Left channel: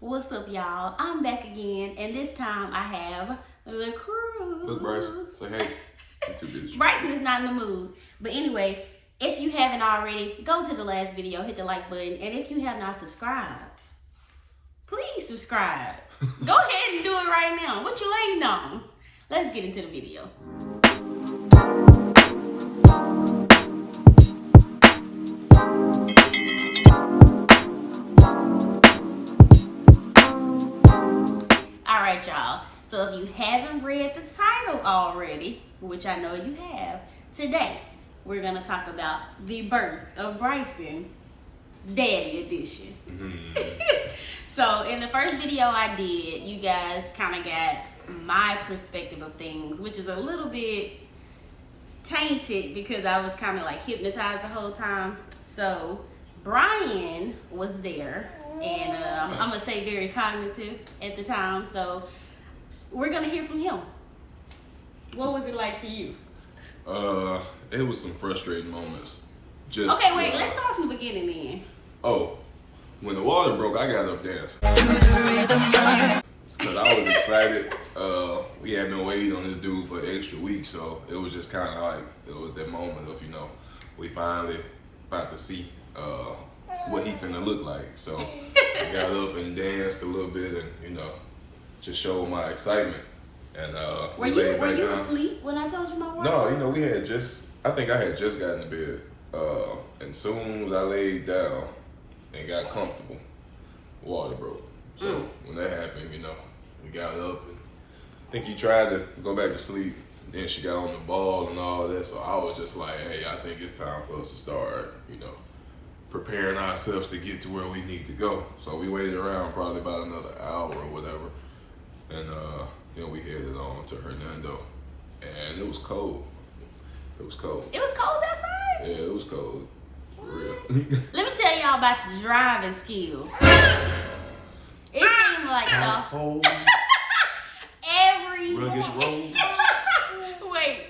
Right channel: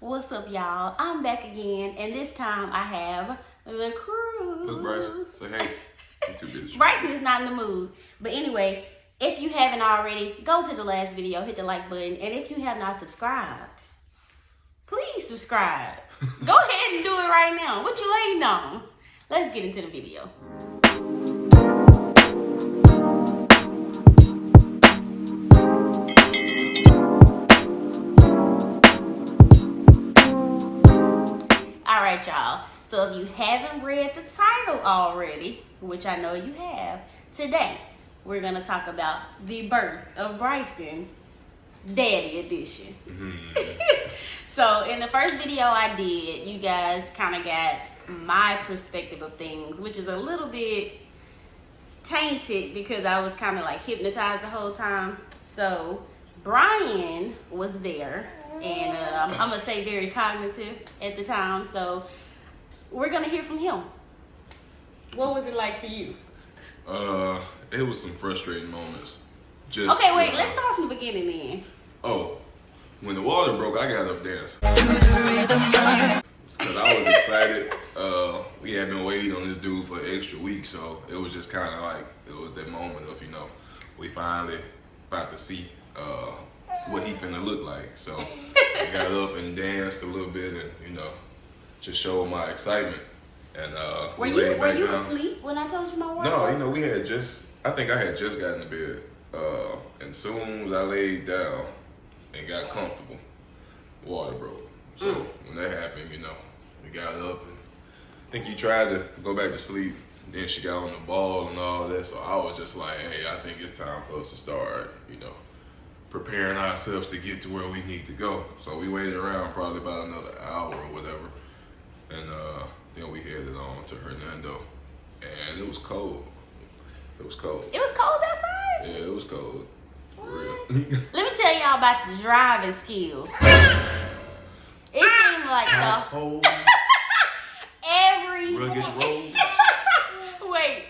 What's up, y'all? I'm back again, and this time I have the crew. Look, Bryson, say hey. I'm too busy. Bryson is not in the mood. But anyway, if you haven't already, go to the last video, hit the like button, and if you have not subscribed, please subscribe. Go ahead and do it right now. What you waiting on? Let's get into the video. Alright, y'all. So if you haven't read the title already, which I know you have, today we're going to talk about the birth of Bryson, Daddy Edition. So in the first video I did, you guys kind of got my perspective of things, which is a little bit tainted because I was kind of like hypnotized the whole time. So Brian was there, and I'm going to say very cognitive at the time. So we're going to hear from him. What was it like for you? It was some frustrating moments. Just Okay, wait, let's start from the beginning then. Oh, when the water broke, I got up dancing. It's because I was excited. We had been waiting on this dude for an extra week, so it was just kind of like, it was that moment of, we finally about to see what he finna look like. So I got up and danced a little bit and, just showed my excitement. And Were you asleep when I told you my wife? No, I think I had just gotten to bed. And soon as I laid down and got comfortable, water broke. So when that happened, we got up and I think he tried to go back to sleep. Then she got on the ball and all that. So I was just like, hey, I think it's time for us to start, preparing ourselves to get to where we need to go. So we waited around probably about another hour or whatever. And then we headed on to Hernando. And it was cold. It was cold. It was cold outside? Yeah, it was cold. For real. Let me tell y'all about the driving skills. It seemed like every rugged roads. Wait,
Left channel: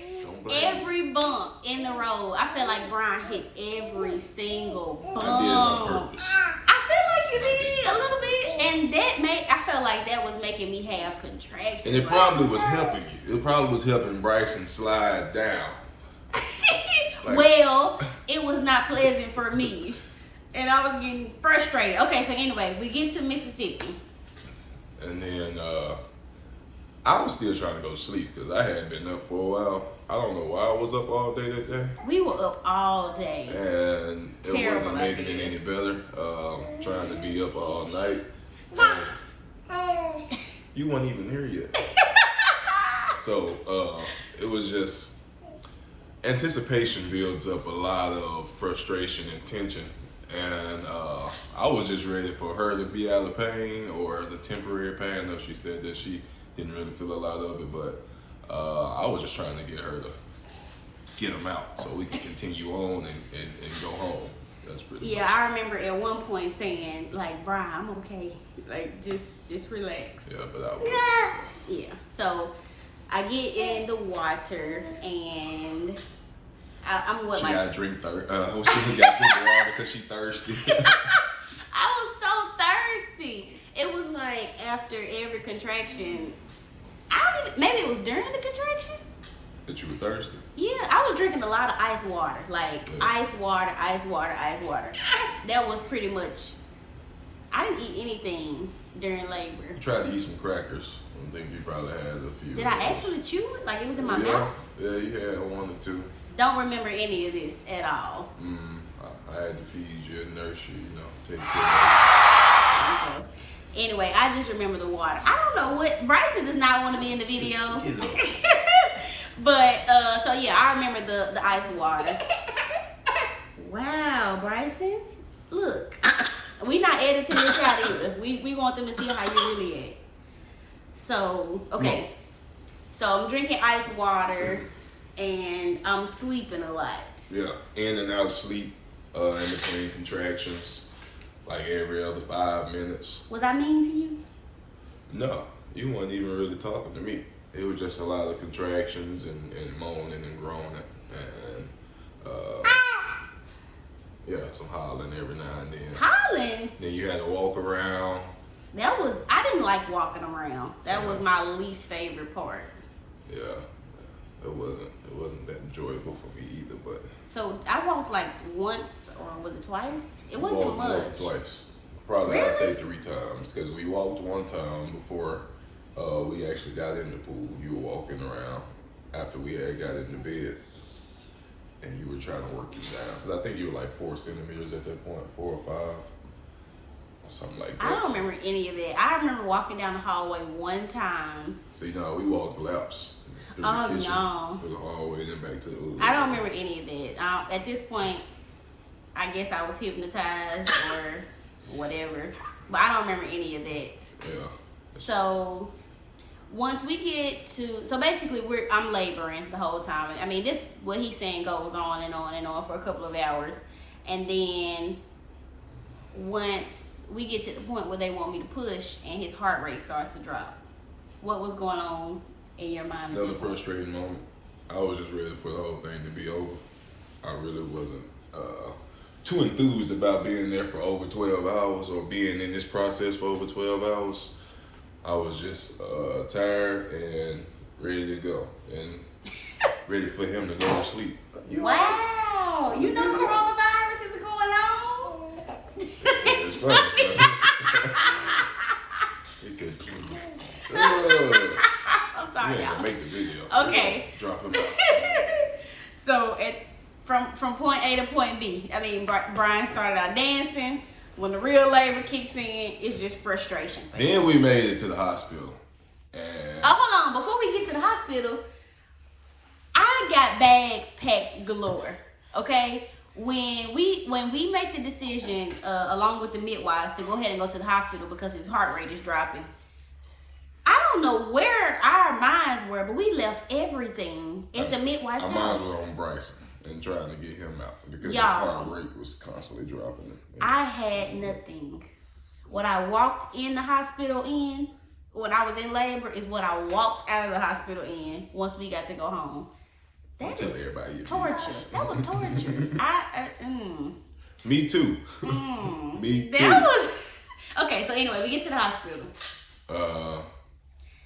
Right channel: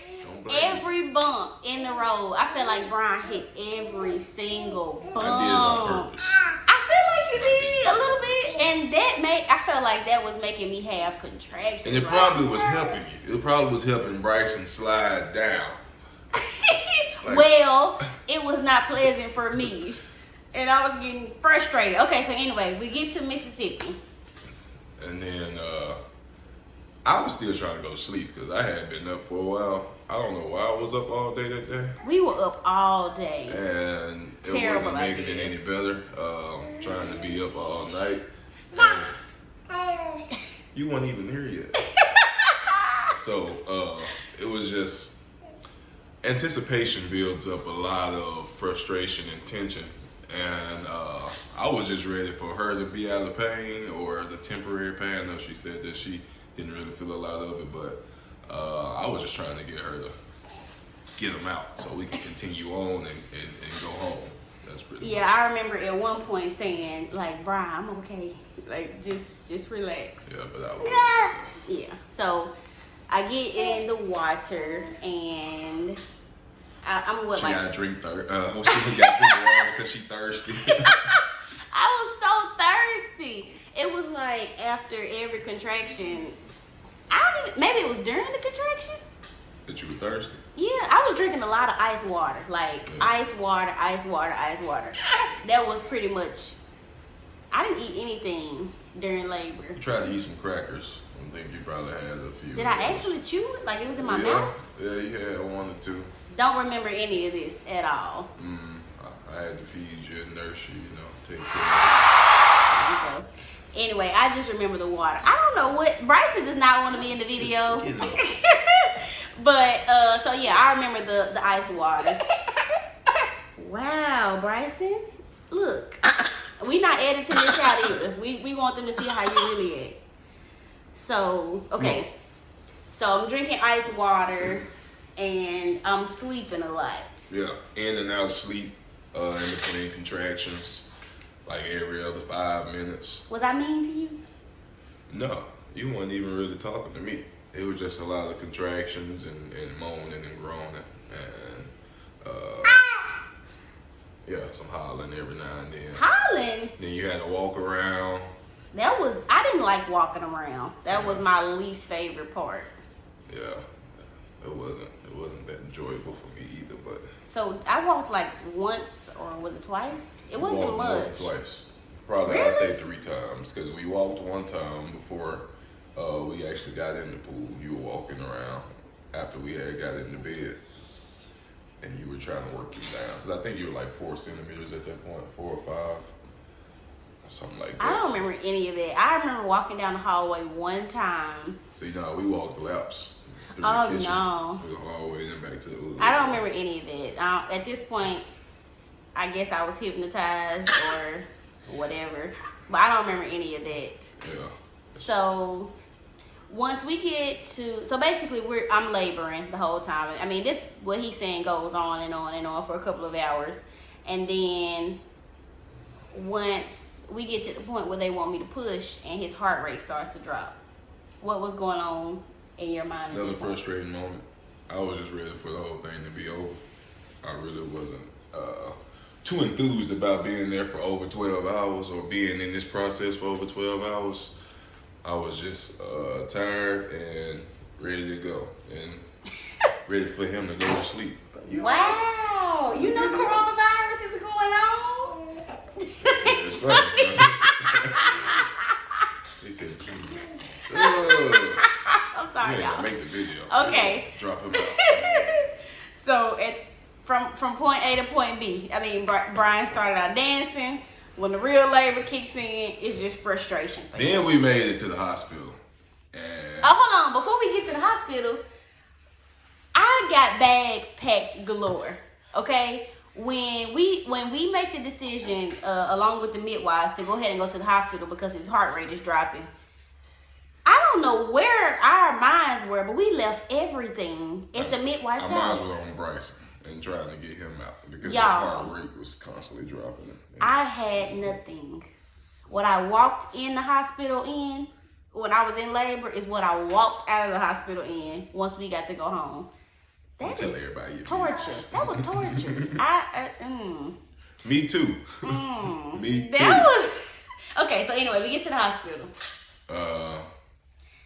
every bump in the road, I felt like Brian hit every single bump. I did it on purpose. I feel like you did a little bit, and I felt like that was making me have contractions. And it probably was helping you. It probably was helping Bryson slide down. Well, it was not pleasant for me, and I was getting frustrated. Okay, so anyway, we get to Mississippi. And then I was still trying to go to sleep because I had been up for a while. I don't know why I was up all day that day. We were up all day. And it wasn't making it any better. Trying to be up all night. You weren't even here yet. So it was just, anticipation builds up a lot of frustration and tension. And I was just ready for her to be out of pain or the temporary pain. I know she said that she didn't really feel a lot of it, but I was just trying to get her to get him out so we could continue on and go home. That's pretty much. I remember at one point saying, like, Brian, I'm okay. Like, just relax. Yeah, but I wasn't. So. Yeah. So I get in the water and I'm what, she like, got to drink she got to drink water because she thirsty. I was so thirsty. It was like after every contraction. Maybe it was during the contraction. That you were thirsty? Yeah, I was drinking a lot of ice water. Like, ice water. That was pretty much, I didn't eat anything during labor. You tried to eat some crackers. I think you probably had a few. Did I actually chew it? Like, it was in my mouth? Yeah, you had one or two. Don't remember any of this at all. I had to feed you and nurse you, take care of you. Okay. Anyway, I just remember the water. I don't know what, Bryson does not want to be in the video. But, so yeah, I remember the ice water. Wow, Bryson. Look, we not editing this out either. We want them to see how you really act. So, okay. So I'm drinking ice water and I'm sleeping a lot. Yeah, in and out of sleep, in between contractions, like every other 5 minutes. Was I mean to you? No, you weren't even really talking to me. It was just a lot of contractions and moaning and groaning and some hollering every now and then. Hollering? Then you had to walk around I didn't like walking around. That was my least favorite part. Yeah, it wasn't that enjoyable for me either. But so I walked like once, or was it twice? It wasn't much. Twice, probably really? I'd say 3 times, because we walked one time before we actually got in the pool. You were walking around after we had got in the bed, and you were trying to work him down. Because I think you were like 4 centimeters at that point, 4 or 5. Something like that. I don't remember any of that. I remember walking down the hallway one time. So, we walked laps through Oh, the kitchen, no. through the hallway, and then back to the living room. I don't remember any of that. At this point, I guess I was hypnotized or whatever. But I don't remember any of that. Yeah. So, once we get to... So, basically, I'm laboring the whole time. I mean, this, what he's saying goes on and on and on for a couple of hours. And then, once we get to the point where they want me to push and his heart rate starts to drop. What was going on in your mind? Another frustrating moment. I was just ready for the whole thing to be over. I really wasn't too enthused about being there for over 12 hours or being in this process for over 12 hours. I was just tired and ready to go and ready for him to go to sleep. Wow! You know coronavirus is going on? It's funny. He said, please. I'm sorry. You ain't gonna make the video. Okay. Drop him out. So from point A to point B, I mean, Brian started out dancing. When the real labor kicks in, it's just frustration. Then we made it to the hospital. And hold on. Before we get to the hospital, I got bags packed galore. Okay? When we make the decision, along with the midwives, to go ahead and go to the hospital because his heart rate is dropping, I don't know where our minds were, but we left everything at the midwife's house. Our minds were on Bryson and trying to get him out because his Y'all, heart rate was constantly dropping. I had nothing. What I walked in the hospital in, when I was in labor, is what I walked out of the hospital in once we got to go home. That tell everybody your torture. business. That was torture. Me too. Me too. That was okay. So anyway, we get to the hospital.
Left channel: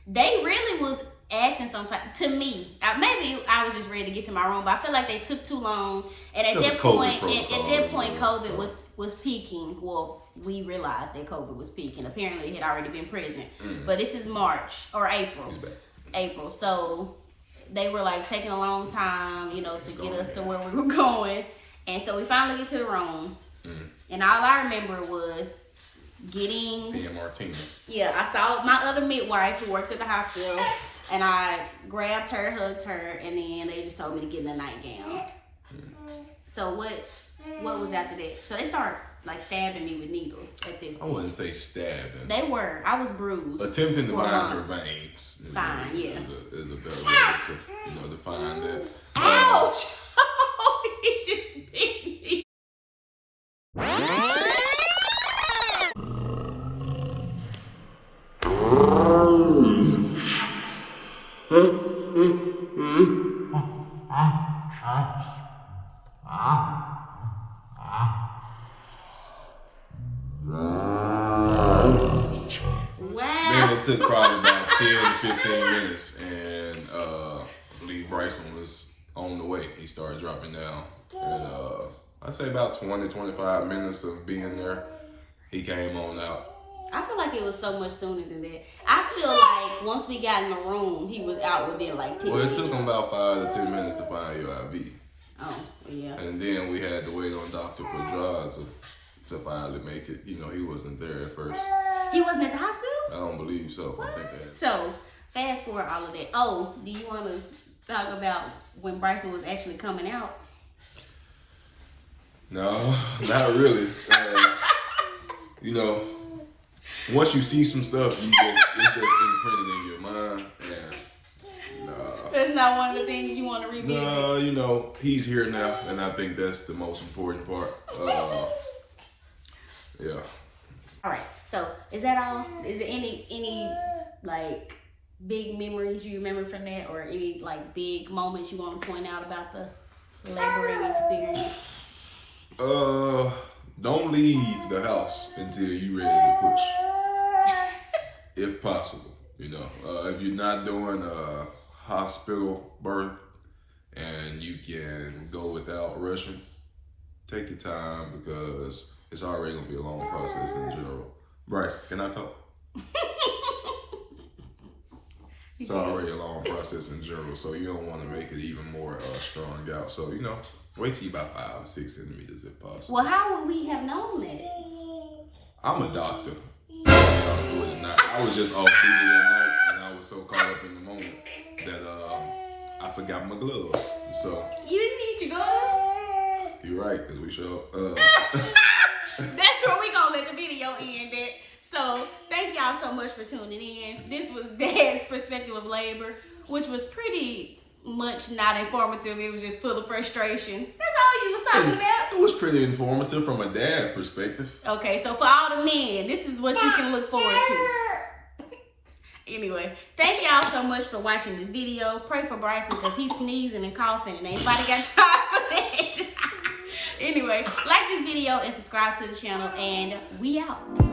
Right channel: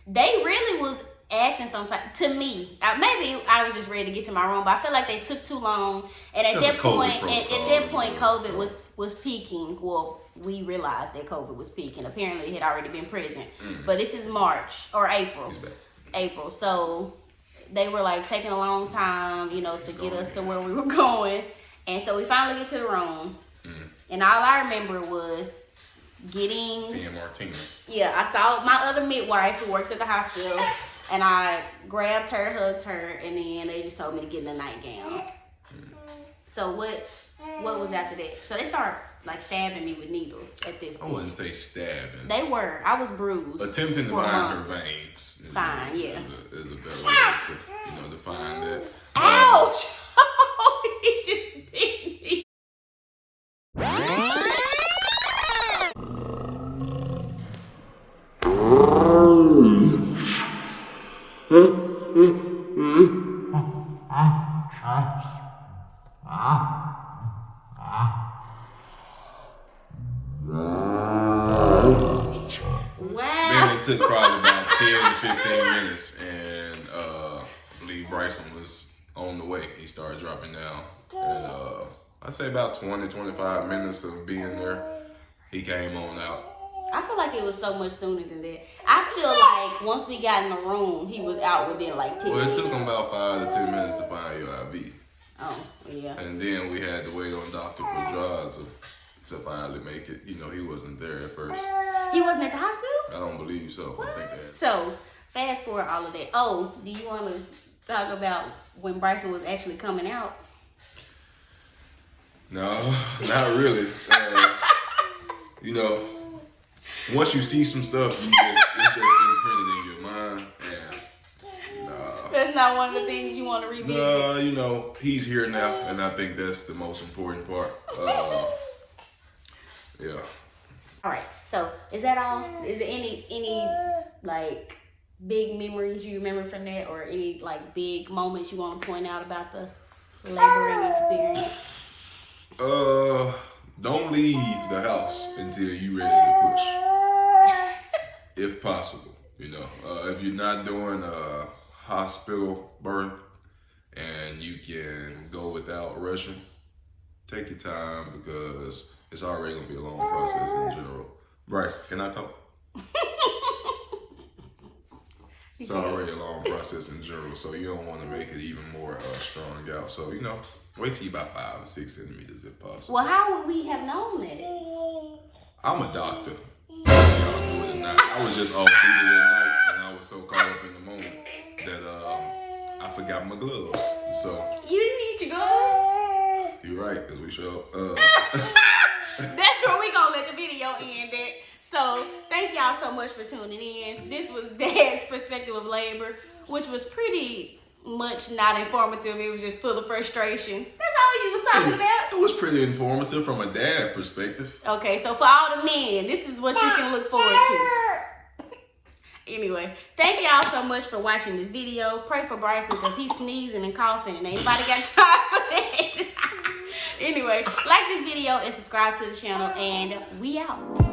They really was acting some type to me. Maybe I was just ready to get to my room, but I feel like they took too long. And at that point, COVID was peaking. Well, we realized that COVID was peaking. Apparently, it had already been present. But this is March or April. He's back. April. So they were like taking a long time, to get us to where we were going. And so we finally get to the room. And all I remember was seeing Martina. Yeah, I saw my other midwife who works at the hospital, and I grabbed her, hugged her, and then they just told me to get in the nightgown. So what was after that? So they started like stabbing me with needles at this point. I wouldn't say stabbing. They were. I was bruised. Attempting to bind her veins. Is a better way to define that. Ouch! He just bit me. Then it took probably about 10 to 15 minutes, and I believe Bryson was on the way. He started dropping down, and I'd say about 20, 25 minutes of being there, he came on out. I feel like it was so much sooner than that. I feel like once we got in the room, he was out within like 10 minutes. Well, it took him about 5 to 10 minutes to find your IV. Oh, yeah. And then we had to wait on Dr. Pedraz to finally make it. He wasn't there at first. He wasn't at the hospital? I don't believe so. What? I think that. So, fast forward all of that. Oh, do you want to talk about when Bryson was actually coming out? No, not really. Once you see some stuff, it's just imprinted in your mind. And that's not one of the things you want to revisit. No, he's here now, and I think that's the most important part. Yeah. All right. So, is that all? Is there any like big memories you remember from that, or any like big moments you want to point out about the laboring experience? Don't leave the house until you're ready to push. if possible. You know, if you're not doing a hospital birth and you can go without rushing, take your time because it's already gonna be a long process in general. Bryce, can I talk? It's already a long process in general, so you don't want to make it even more strung out. So, you know, wait till you about 5 or 6 centimeters if possible. Well, how would we have known that? I'm a doctor. Y'all do it or not. I was just off duty that night, and I was so caught up in the moment that I forgot my gloves. So You didn't need your gloves? you're right, because we show That's where we gonna let the video end at. So thank y'all so much for tuning in. This was Dad's perspective of labor, which was pretty much not informative. It was just full of frustration. That's all you was talking about. It was pretty informative from a dad perspective. Okay, so for all the men, this is what you can look forward to. Anyway, thank y'all so much for watching this video. Pray for Bryson because he's sneezing and coughing and anybody got time for that. Anyway, like this video and subscribe to the channel, and we out.